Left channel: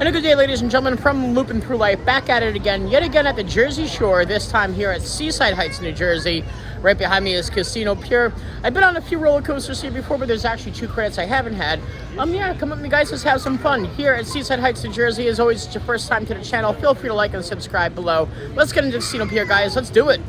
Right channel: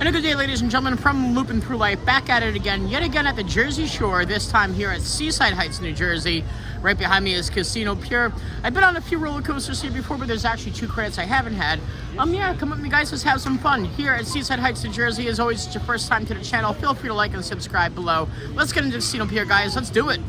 And a good day, ladies and gentlemen, from Loopin Through Life, back at it again, yet again at the Jersey Shore, this time here at Seaside Heights, New Jersey. Right behind me is Casino Pier. I've been on a few roller coasters here before, but there's actually 2 credits I haven't had. Yeah, come with me, guys, let's have some fun. Here at Seaside Heights, New Jersey, as always, it's your first time to the channel. Feel free to like and subscribe below. Let's get into Casino Pier, guys. Let's do it.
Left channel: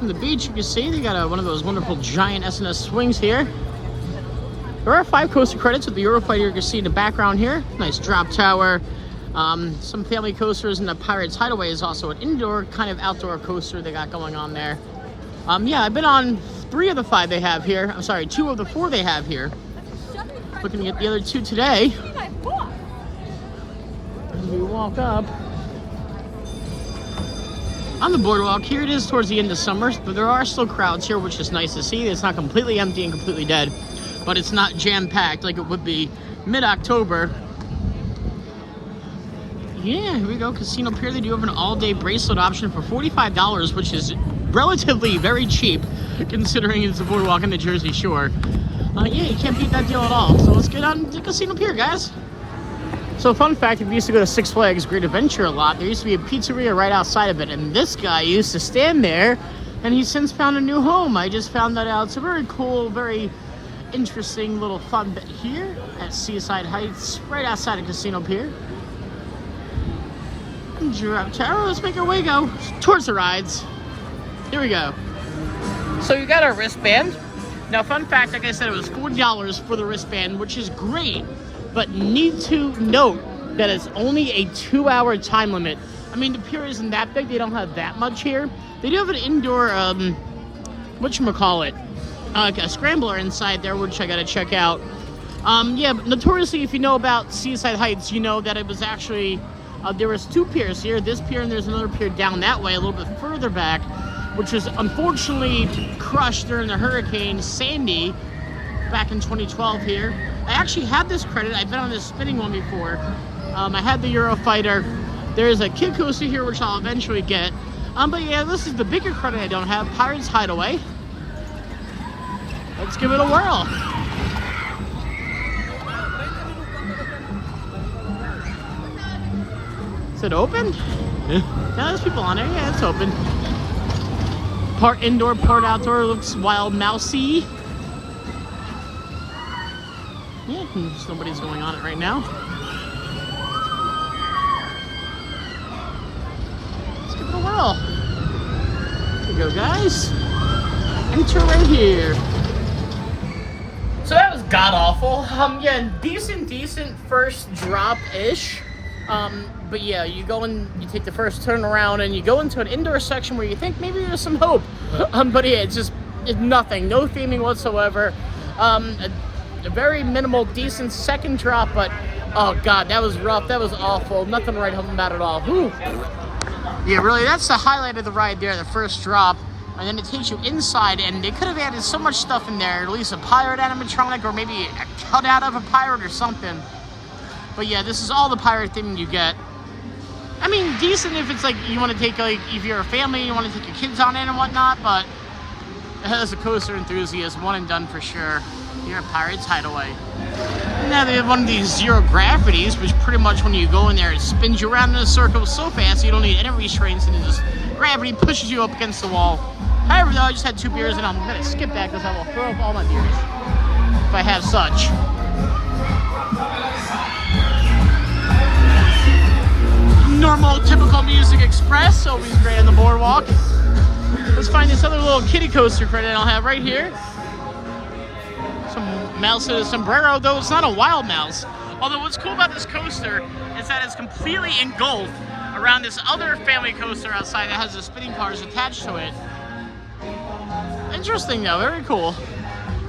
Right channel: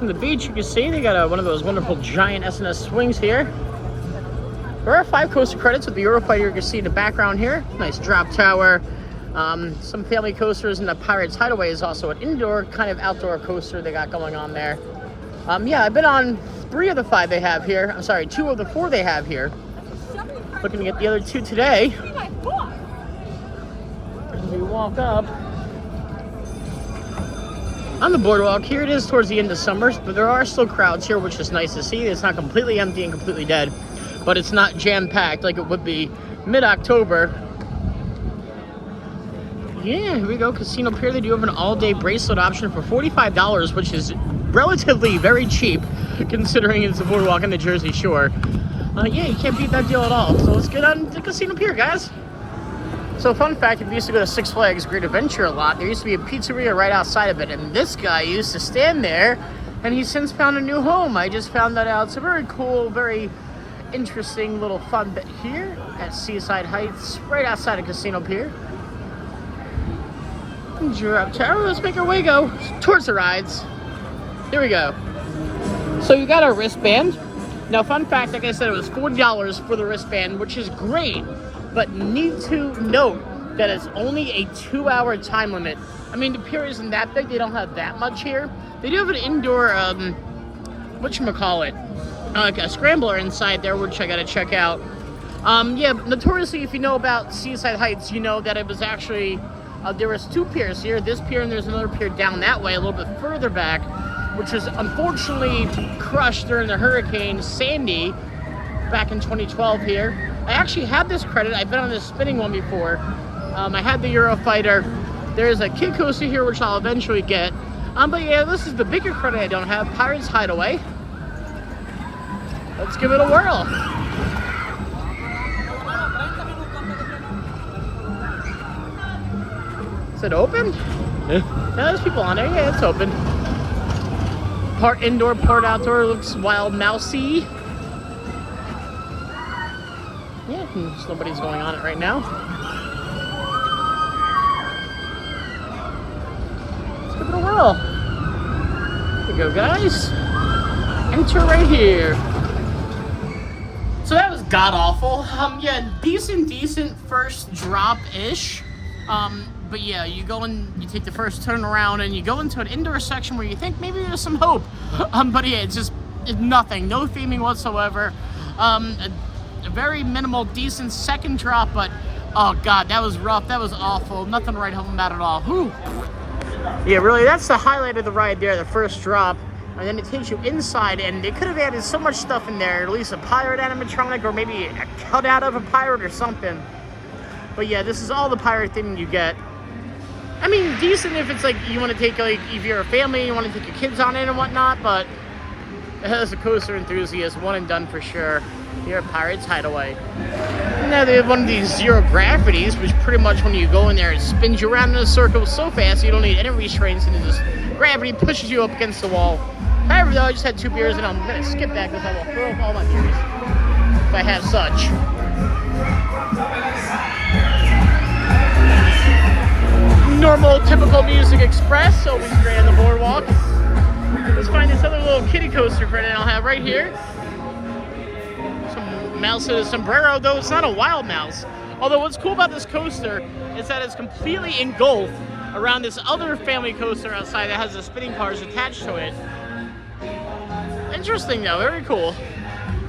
The beach, you can see they got one of those wonderful giant S&S swings here. There are 5 coaster credits with the Eurofighter. You can see in the background here. Nice drop tower. Some family coasters, and the Pirates Hideaway is also an indoor kind of outdoor coaster they got going on there. Yeah, I've been on 3 of the 5 they have here. I'm sorry, 2 of the 4 they have here. Looking to get the other 2 today. As we walk up on the boardwalk, here it is towards the end of summer, but there are still crowds here, which is nice to see. It's not completely empty and completely dead, but it's not jam-packed like it would be mid-October. Yeah, here we go, Casino Pier. They do have an all-day bracelet option for $45, which is relatively very cheap, considering it's a boardwalk on the Jersey Shore. Yeah, you can't beat that deal at all. So let's get on to Casino Pier, guys. So fun fact, if you used to go to Six Flags Great Adventure a lot, there used to be a pizzeria right outside of it, and this guy used to stand there, and he's since found a new home. I just found that out. It's a very cool, very interesting little fun bit here at Seaside Heights, right outside of Casino Pier. Drop tower, let's make our way go towards the rides. Here we go. So you got our wristband. Now, fun fact, like I said, it was $40 for the wristband, which is great. But need to note that it's only a 2-hour time limit. I mean, the pier isn't that big. They don't have that much here. They do have an indoor, whatchamacallit, like a scrambler inside there, which I gotta check out. Yeah, notoriously, if you know about Seaside Heights, you know that it was actually, there was 2 piers here. This pier, and there's another pier down that way, a little bit further back, which was unfortunately crushed during the Hurricane Sandy back in 2012 here. I actually had this credit. I've been on this spinning one before. I had the Eurofighter. There's a kid coaster here, which I'll eventually get. But yeah, this is the bigger credit I don't have, Pirates Hideaway. Let's give it a whirl. Is it open? Yeah, there's people on there. Yeah, it's open. Part indoor, part outdoor. Looks wild mousey. Yeah, nobody's going on it right now. Let's give it a whirl. Here we go, guys. Enter right here. So that was god-awful. Yeah, decent first drop-ish. But yeah, you go and you take the first turn around and you go into an indoor section where you think maybe there's some hope. But yeah, it's nothing. No theming whatsoever. A very minimal, decent second drop, but oh god, that was rough. That was awful. Nothing to write home about at all. Whew. Yeah, really, that's the highlight of the ride there, the first drop. And then it takes you inside, and they could have added so much stuff in there, at least a pirate animatronic, or maybe a cutout of a pirate or something. But yeah, this is all the pirate thing you get. I mean, decent if it's like you want to take, like, if you're a family, you want to take your kids on it and whatnot, but as a coaster enthusiast, one and done for sure. Here at Pirates Hideaway. Now they have one of these zero gravities, which pretty much when you go in there, it spins you around in a circle so fast you don't need any restraints, and just gravity pushes you up against the wall. However, though, I just had 2 beers, and I'm gonna skip that because I will throw up all my beers if I have such. Normal, typical Music Express, always great on the boardwalk. Let's find this other little kiddie coaster credit I'll have right here. Some mouse in a sombrero, though it's not a wild mouse. Although what's cool about this coaster is that it's completely engulfed around this other family coaster outside that has the spinning cars attached to it. Interesting though, very cool.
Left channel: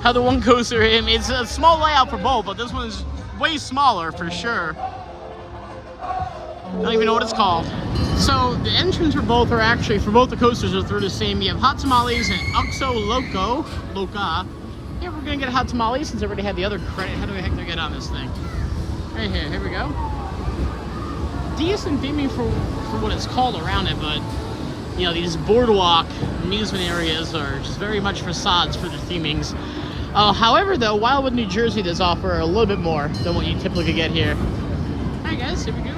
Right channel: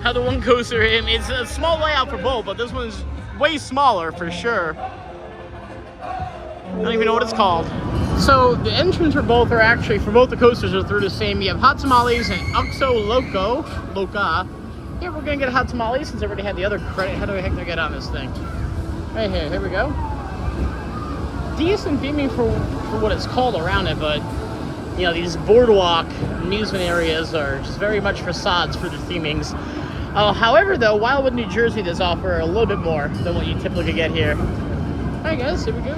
how the one coaster, it's a small layout for both, but this one is way smaller for sure. I don't even know what it's called. So the entrance for both are actually, for both the coasters are through the same. You have hot tamales and Oxo Loca. Yeah, we're gonna get a hot tamale since I already had the other credit. How the heck do I get on this thing? Right here, here we go. Decent theming for what it's called around it, but you know, these boardwalk amusement areas are just very much facades for the themings. However, though, Wildwood, New Jersey does offer a little bit more than what you typically get here. All right, guys, here we go.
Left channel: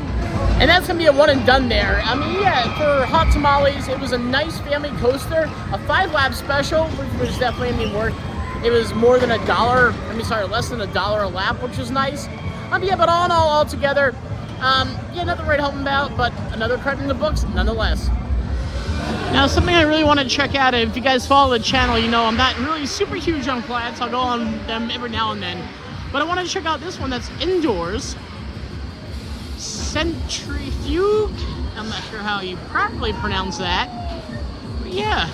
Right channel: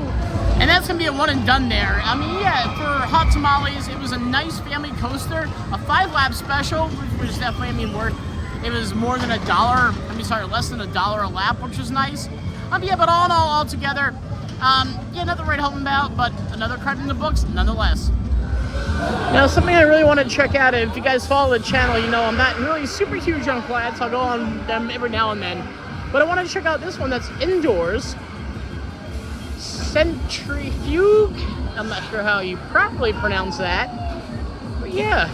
And that's gonna be a one and done there. I mean, yeah, for hot tamales, it was a nice family coaster, a 5-lap special, which was definitely, I mean, worth. It was more than $1. I mean, sorry, less than $1 a lap, which was nice. Yeah, but all together, yeah, nothing to write home about, but another credit in the books, nonetheless. Now, something I really want to check out, and if you guys follow the channel, you know I'm not really super huge on flats. I'll go on them every now and then. But I want to check out this one that's indoors. Centrifuge. I'm not sure how you properly pronounce that. But yeah,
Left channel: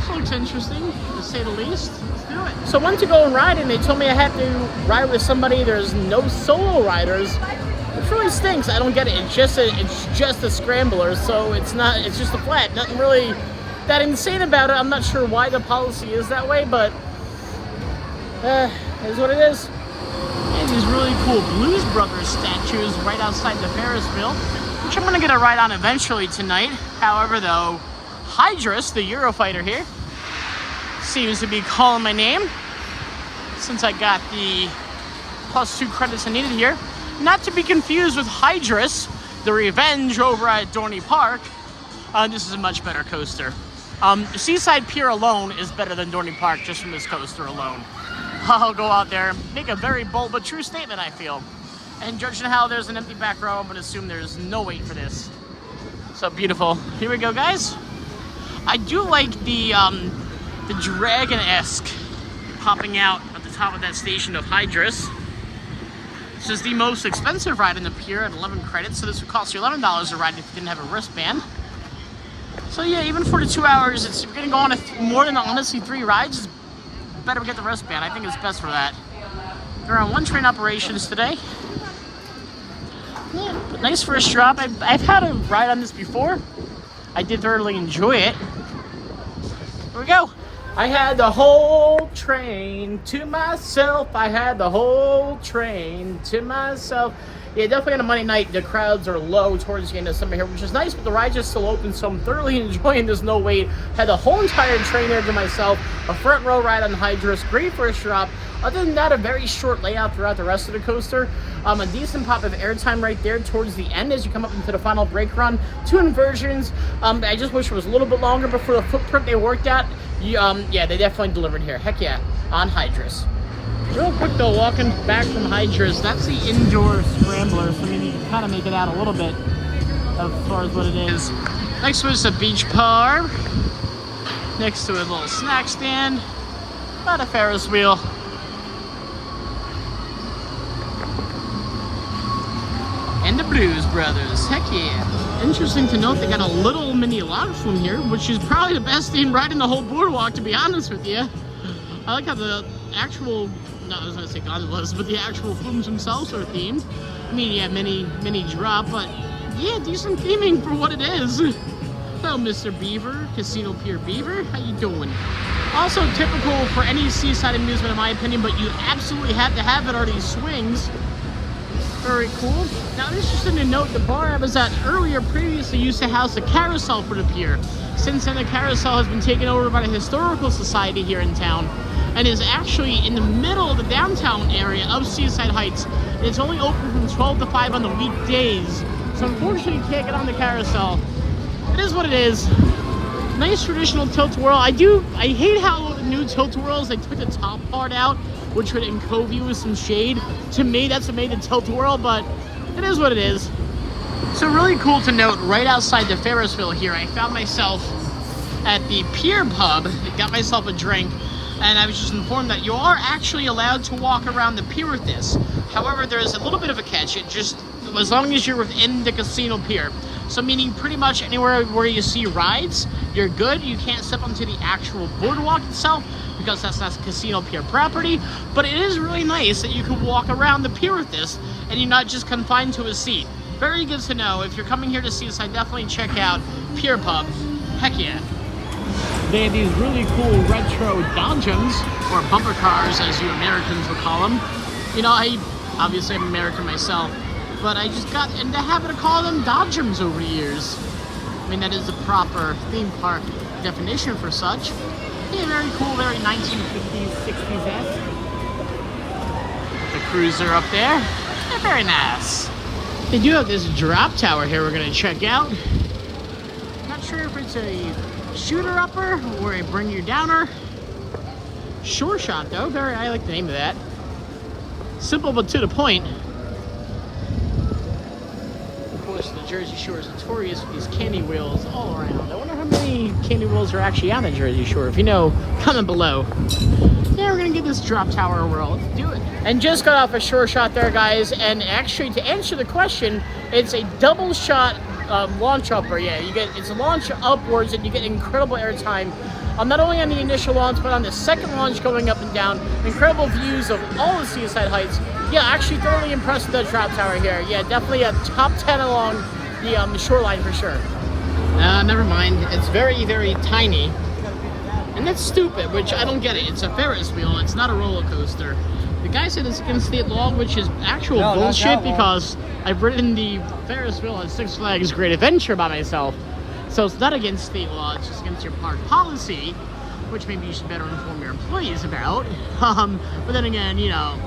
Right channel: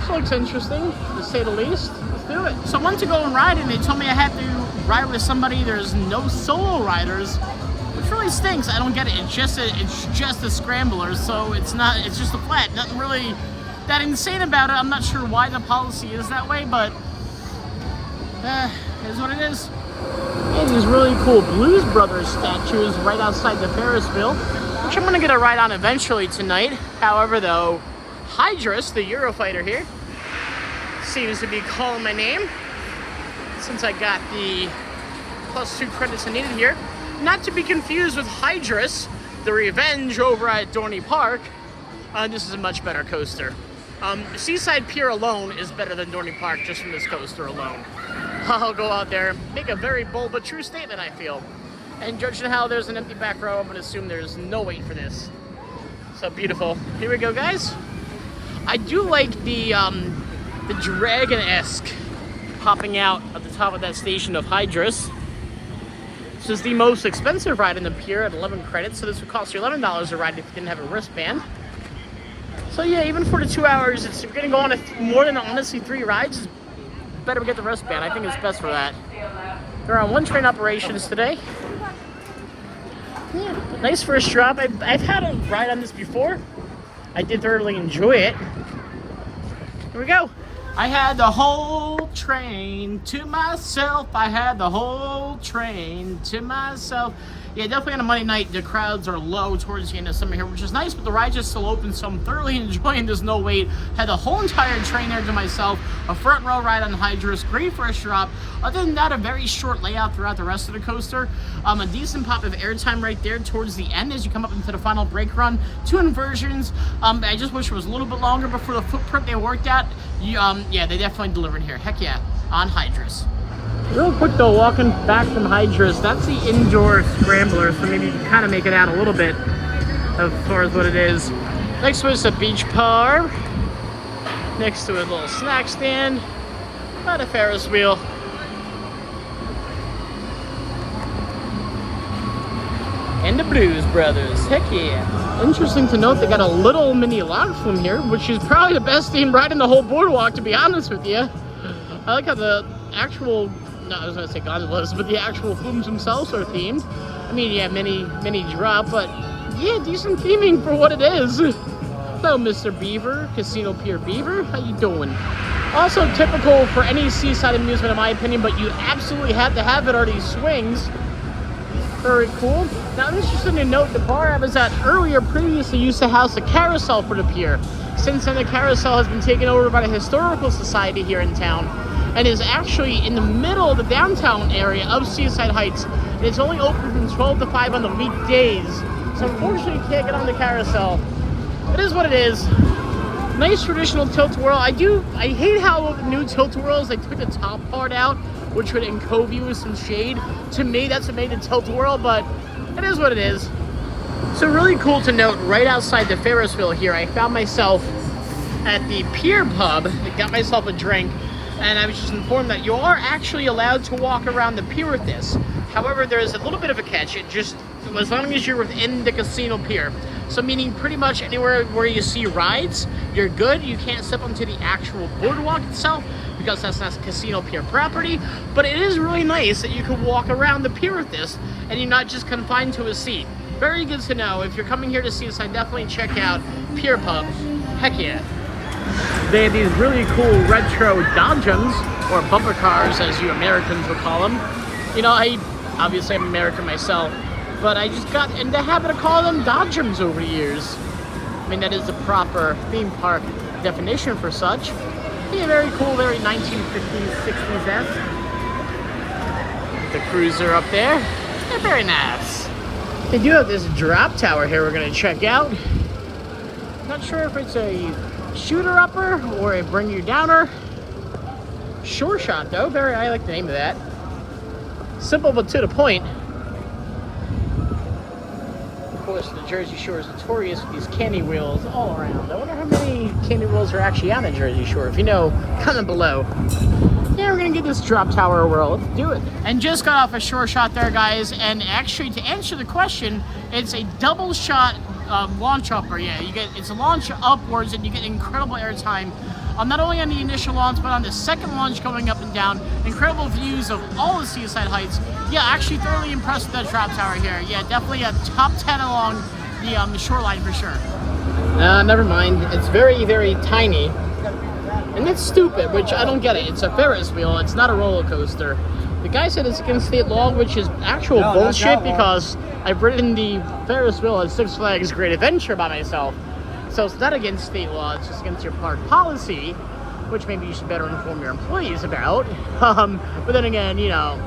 this looks interesting, to say the least. Let's do it. So I went to go and ride, and they told me I had to ride with somebody. There's no solo riders, which really stinks. I don't get it. It's just a scrambler, so it's just a flat. Nothing really that insane about it. I'm not sure why the policy is that way, but it is what it is. And these really cool Blues Brothers statues right outside the Ferris wheel, which I'm gonna get a ride on eventually tonight. However, though, Hydrus, the Eurofighter here, seems to be calling my name since I got the +2 credits I needed here. Not to be confused with Hydrus, the Revenge over at Dorney Park. This is a much better coaster. Seaside Pier alone is better than Dorney Park just from this coaster alone. I'll go out there and make a very bold but true statement, I feel. And judging how there's an empty back row, I'm gonna assume there's no wait for this. So beautiful. Here we go, guys. I do like the dragon-esque popping out at the top of that station of Hydrus. This is the most expensive ride in the Pier at 11 credits, so this would cost you $11 a ride if you didn't have a wristband. So yeah, even for the 2 hours, if you're gonna go on more than honestly 3 rides, it's better to get the wristband. I think it's best for that. They're on 1 train operations today. Yeah, but nice first drop. I've had a ride on this before. I did thoroughly enjoy it. Here we go. I had the whole train to myself. I had the whole train to myself. Yeah, definitely on a Monday night, the crowds are low towards the end of summer here, which is nice, but the ride is still open, so I'm thoroughly enjoying this no wait. Had the whole entire train there to myself. A front row ride on Hydrus. Great first drop. Other than that, a very short layout throughout the rest of the coaster. A decent pop of airtime right there towards the end as you come up into the final brake run. 2 inversions. I just wish it was a little bit longer, but for the footprint they worked at, yeah, they definitely delivered here. Heck yeah, on Hydrus. Real quick though, walking back from Hydrus, that's the indoor scrambler, so maybe you can kind of make it out a little bit as far as what it is. Next was a beach par. Next to a little snack stand. Not a Ferris wheel. And the Blues Brothers, heck yeah. Interesting to note, they got a little mini log flume here, which is probably the best themed ride in the whole boardwalk, to be honest with you. I like how the actual, no, I was gonna say gondolas, but the actual flumes themselves are themed. I mean, yeah, mini drop, but yeah, decent theming for what it is. Hello, Mr. Beaver, Casino Pier Beaver, how you doing? Also typical for any seaside amusement in my opinion, but you absolutely have to have it are these swings. Very cool. Now, interesting to note, the bar I was at earlier previously used to house a carousel for the pier. Since then, the carousel has been taken over by the Historical Society here in town and is actually in the middle of the downtown area of Seaside Heights. And it's only open from 12 to 5 on the weekdays. So unfortunately, you can't get on the carousel. It is what it is. Nice traditional tilt-a-whirl. I hate how the new tilt-a-whirls, they took the top part out, which would encove you with some shade. To me, that's what made the tilt-a-whirl, but it is what it is. So really cool to note, right outside the Ferris wheel here, I found myself at the Pier pub. I got myself a drink, and I was just informed that you are actually allowed to walk around the pier with this. However, there's a little bit of a catch. It just, as long as you're within the casino pier. So meaning pretty much anywhere where you see rides, you're good. You can't step onto the actual boardwalk itself because that's not Casino Pier property, but it is really nice that you can walk around the pier with this and you're not just confined to a seat. Very good to know. If you're coming here to Seaside, definitely check out Pier Pub. Heck yeah. They have these really cool retro Dodgems, or bumper cars as you Americans will call them. You know, obviously I'm American myself, but I just got in the habit of calling them Dodgems over the years. I mean, that is the proper theme park definition for such. Yeah, very cool, very 1950s, 60s-esque. The cruiser up there. Yeah, very nice. They do have this drop tower here we're gonna check out. Not sure if it's a shooter-upper or a bring-you-downer. Shore shot though, I like the name of that. Simple but to the point. Of course, the Jersey Shore is notorious for these candy wheels all around. I wonder how many candy wheels are actually on the Jersey Shore. If you know, comment below. Yeah, we're gonna give this drop tower a whirl. Let's do it. And just got off a shore shot there, guys. And actually, to answer the question, it's a double shot launch upper. Yeah, it's a launch upwards, and you get incredible airtime. Not only on the initial launch, but on the second launch going up and down. Incredible views of all the Seaside Heights. Yeah, actually thoroughly impressed with that drop tower here. Yeah, definitely a top 10 along the shoreline for sure. Never mind. It's very, very tiny. And that's stupid, which I don't get it. It's a Ferris wheel. It's not a roller coaster. The guy said it's against state law, which is actual bullshit because I've ridden the Ferris wheel at Six Flags Great Adventure by myself. So it's not against state law, it's just against your park policy, which maybe you should better inform your employees about. But then again, you know,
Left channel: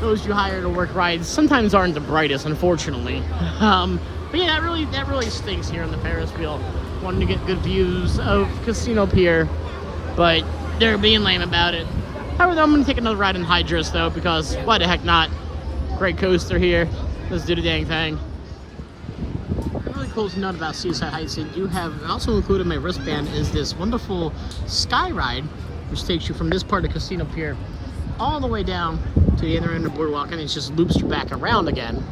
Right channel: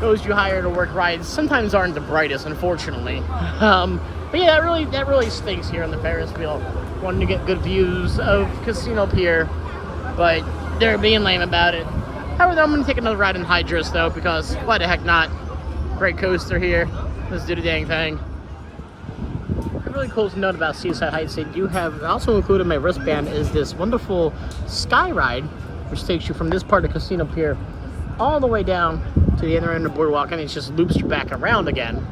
those you hire to work rides sometimes aren't the brightest, unfortunately. But yeah, that really stinks here on the Ferris wheel. Wanting to get good views of Casino Pier, but they're being lame about it. However, I'm gonna take another ride in Hydrus though, because why the heck not? Great coaster here. Let's do the dang thing. Really cool to note about Seaside Heights, they do have, also included in my wristband, is this wonderful sky ride, which takes you from this part of Casino Pier all the way down to the other end of the boardwalk, and it just loops you back around again.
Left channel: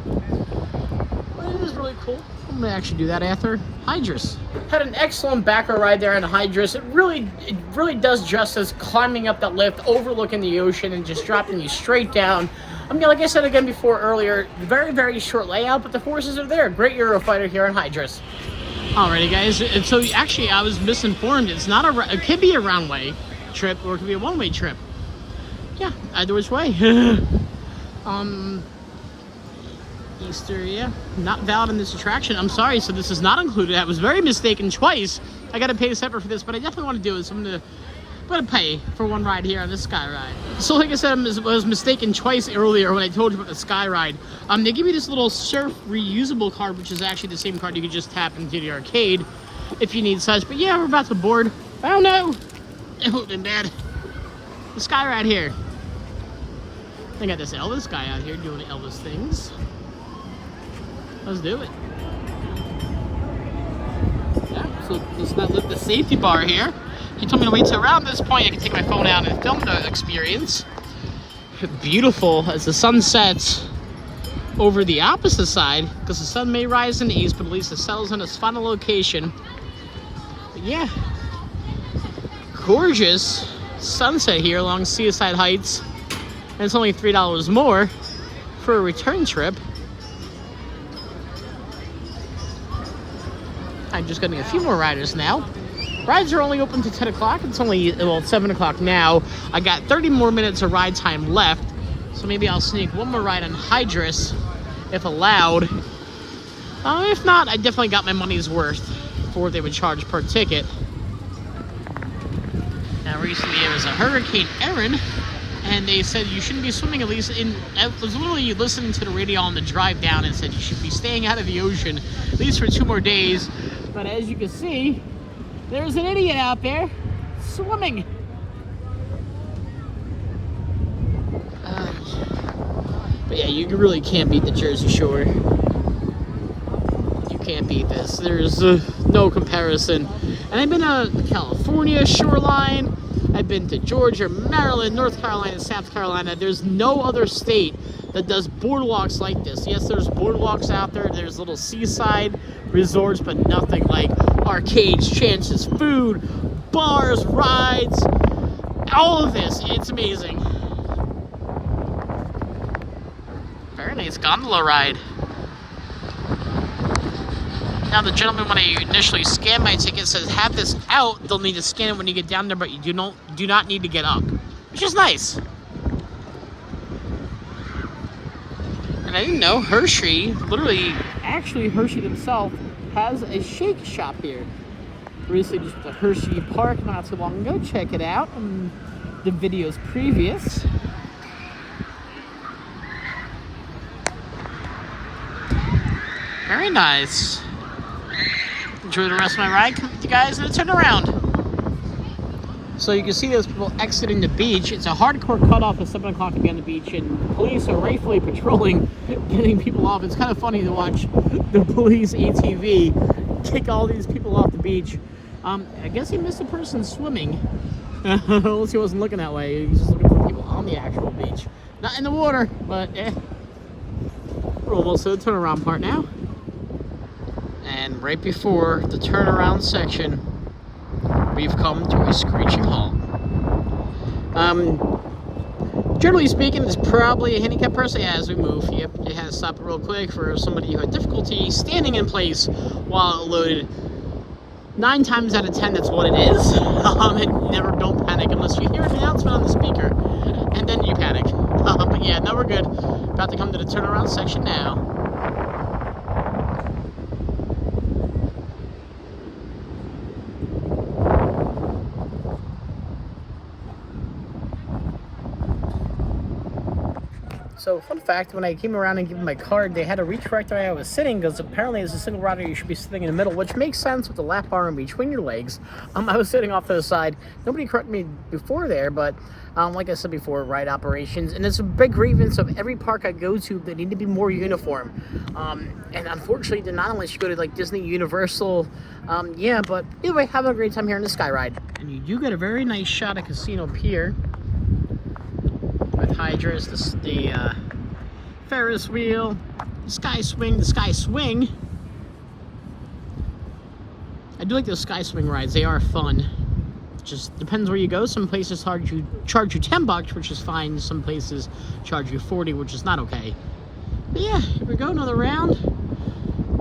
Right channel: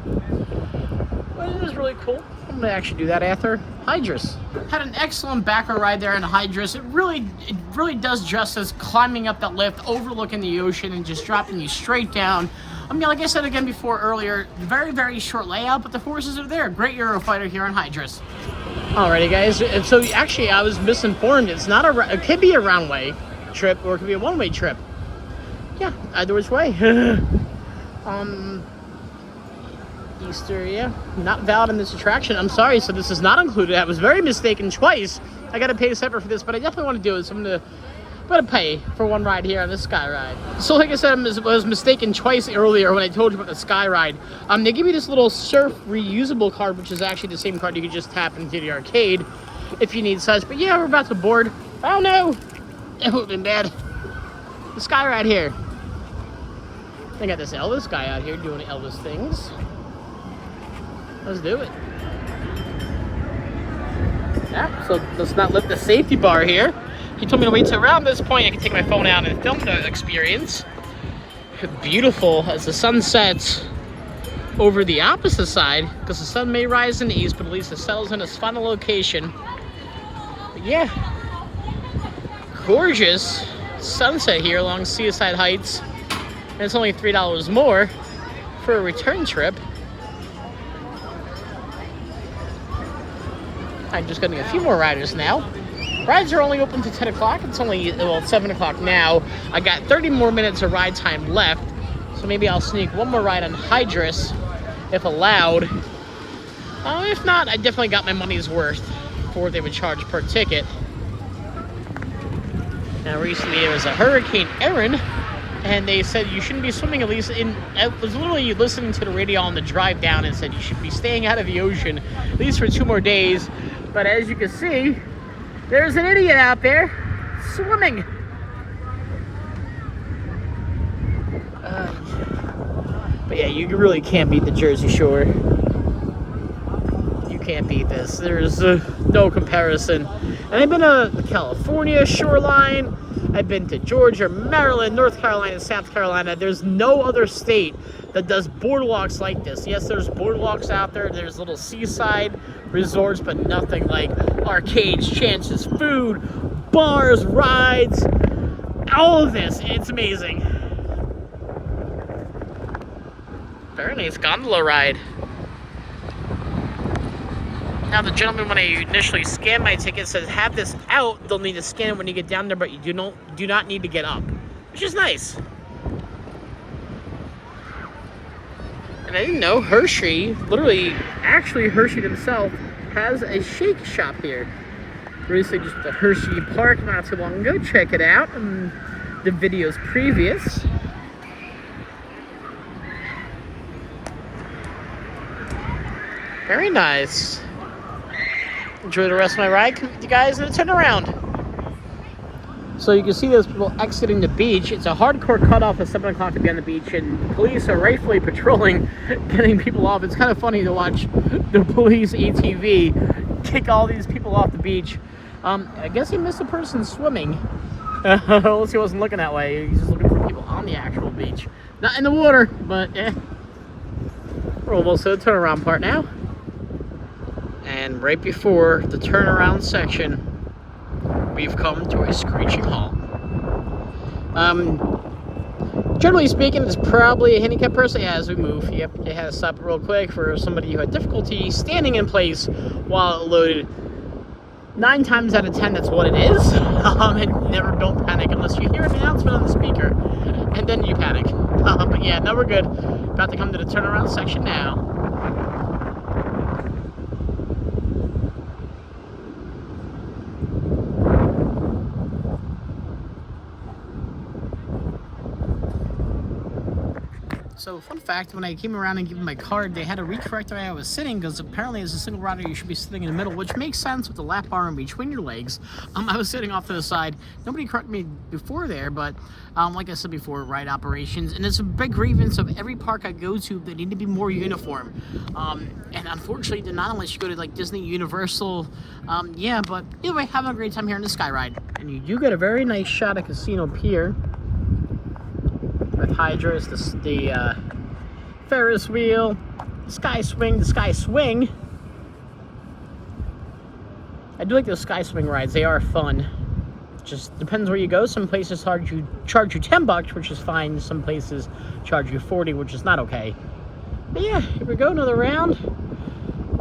But it is really cool. I'm gonna actually do that after Hydrus. Had an excellent back row ride there in Hydrus. It really does justice climbing up that lift, overlooking the ocean, and just dropping you straight down. I mean, like I said again before earlier, very, very short layout, but the forces are there. Great Eurofighter here in Hydrus. Alrighty, guys. And so actually, I was misinformed. It's not it could be a round-way trip, or it could be a one-way trip. Yeah, either which way. Easter, yeah, not valid in this attraction. I'm sorry, so this is not included. I was very mistaken twice. I got to pay separate for this, but I definitely want to do it. So I'm gonna pay for one ride here on this sky ride. So like I said, I was mistaken twice earlier when I told you about the sky ride. They give you this little surf reusable card, which is actually the same card you can just tap into the arcade if you need such. But yeah, we're about to board. Oh no, it would have been bad. The sky ride here. I got this Elvis guy out here doing Elvis things. Let's do it. Yeah, so let's not lift the safety bar here. He told me to wait till around this point I can take my phone out and film the experience. Beautiful as the sun sets over the opposite side, because the sun may rise in the east, but at least it settles in its final location. But yeah, gorgeous sunset here along Seaside Heights. And it's only $3 more for a return trip. I'm just getting a few more riders now. Rides are only open to 10 o'clock. It's only, well, 7 o'clock now. I got 30 more minutes of ride time left. So maybe I'll sneak one more ride on Hydrus, if allowed. If not, I definitely got my money's worth for what they would charge per ticket. Now, recently there was a Hurricane Erin, and they said you shouldn't be swimming at least in, I was literally listening to the radio on the drive down and said you should be staying out of the ocean at least for 2 more days. But as you can see, there's an idiot out there swimming. But yeah, you really can't beat the Jersey Shore. You can't beat this. There's no comparison. And I've been to California shoreline. I've been to Georgia, Maryland, North Carolina, South Carolina. There's no other state that does boardwalks like this. Yes, there's boardwalks out there. There's little seaside resorts, but nothing like arcades, chances, food, bars, rides. all of this. It's amazing. Very nice gondola ride. Now the gentleman, when I initially scanned my ticket, says have this out. They'll need to scan it when you get down there, but you do not need to get up, which is nice. And I didn't know Hershey, actually Hershey himself, has a shake shop here. Recently just the Hershey Park not too long ago. Check it out in the videos previous. Very nice. Enjoy the rest of my ride. Come with you guys and turn around. So you can see those people exiting the beach. It's a hardcore cutoff at 7 o'clock to be on the beach, and the police are rightfully patrolling, getting people off. It's kind of funny to watch the police ATV kick all these people off the beach. I guess he missed a person swimming. Unless he wasn't looking that way. He's just looking for people on the actual beach. Not in the water, but we're almost to the turnaround part now. And right before the turnaround section, we've come to a screeching halt. Generally speaking, it's probably a handicapped person. Yeah, as we move, yep, it has to stop real quick for somebody who had difficulty standing in place while it loaded. 9 times out of 10, that's what it is. And never don't panic unless you hear an announcement on the speaker, and then you panic. But yeah, now we're good. About to come to the turnaround section now. So, fun fact, when I came around and gave them my card, they had to recorrect the way I was sitting, because apparently as a single rider, you should be sitting in the middle, which makes sense with the lap bar in between your legs. I was sitting off to the side. Nobody corrected me before there, but like I said before, ride operations, and it's a big grievance of every park I go to. They need to be more uniform. And unfortunately, they're not unless you go to like Disney, Universal. Yeah, but either way, having a great time here in the Sky Ride. And you do get a very nice shot at Casino Pier. With Hydra's, the Ferris wheel, the Sky Swing. I do like those Sky Swing rides. They are fun. Just depends where you go. Some places charge you $10, which is fine. Some places charge you $40, which is not okay. But yeah, here we go, another round.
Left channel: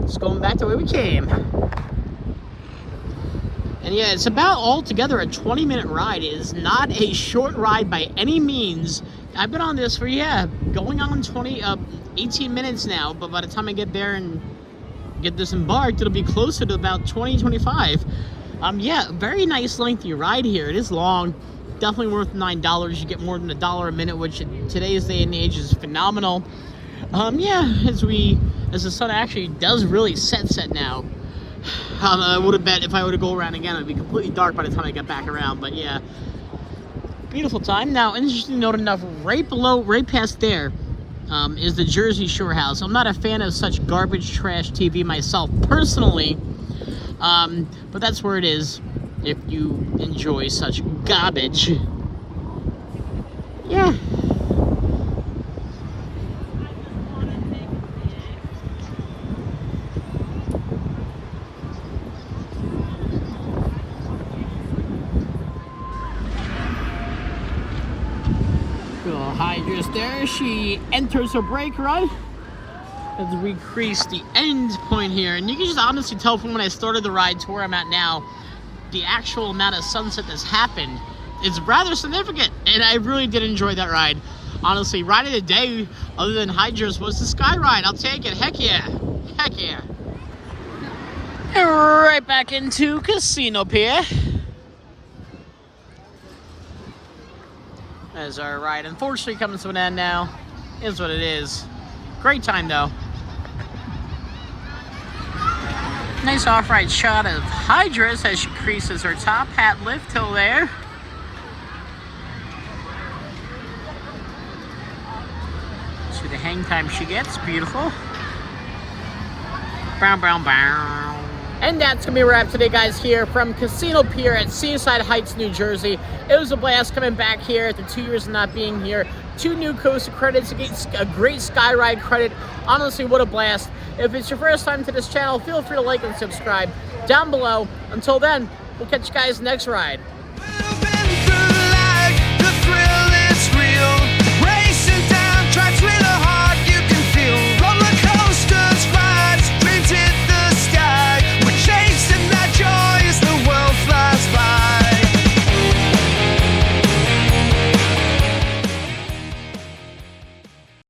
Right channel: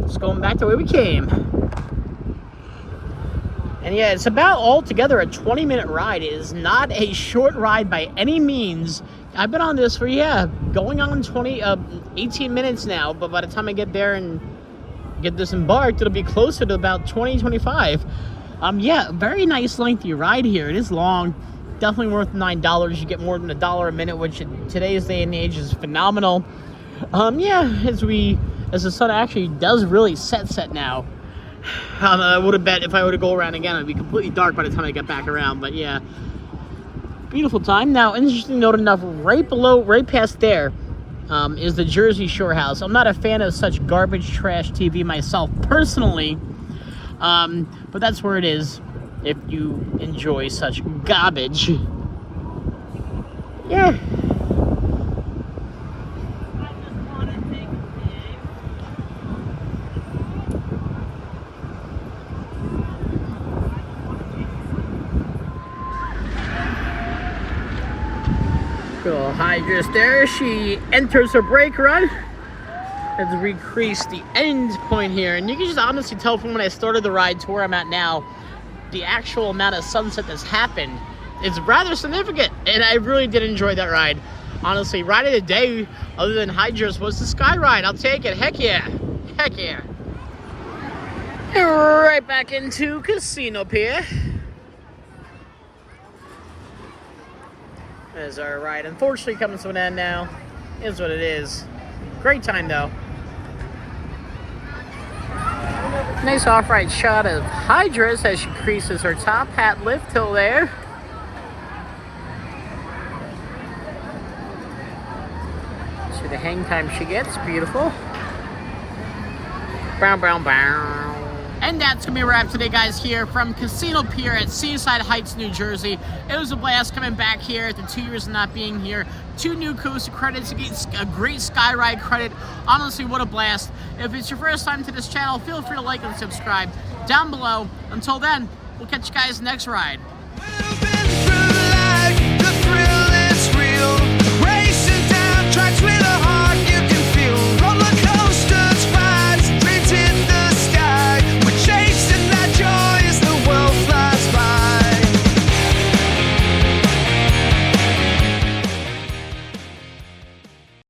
Just going back the way we came. And yeah, it's about altogether a 20-minute ride. It is not a short ride by any means. I've been on this for, yeah, going on 18 minutes now, but by the time I get there and get disembarked, it'll be closer to about 25. Yeah, very nice lengthy ride here. It is long, definitely worth $9. You get more than $1 a minute, which in today's day and age is phenomenal. Yeah, as the sun actually does really set now. I would have bet if I were to go around again, it'd be completely dark by the time I get back around, but yeah. Beautiful time. Now, interesting note enough, right past there, is the Jersey Shore house. I'm not a fan of such garbage trash TV myself personally, but that's where it is if you enjoy such garbage. Yeah. Little Hydra's there. She enters her brake run. Let's recrease the end point here. And you can just honestly tell from when I started the ride to where I'm at now, the actual amount of sunset that's happened is rather significant. And I really did enjoy that ride. Honestly, ride of the day, other than Hydra's, was the Sky Ride. I'll take it. Heck yeah. Heck yeah. And right back into Casino Pier. As our ride unfortunately comes to an end now. Is what it is. Great time though. Nice off-ride shot of Hydra's as she creases her top hat lift till there. See the hang time she gets. Beautiful. Bow, bow, bow. And that's going to be a wrap today, guys, here from Casino Pier at Seaside Heights, New Jersey. It was a blast coming back here after 2 years of not being here. 2 new coaster credits, a great Sky Ride credit. Honestly, what a blast. If it's your first time to this channel, feel free to like and subscribe down below. Until then, we'll catch you guys next ride.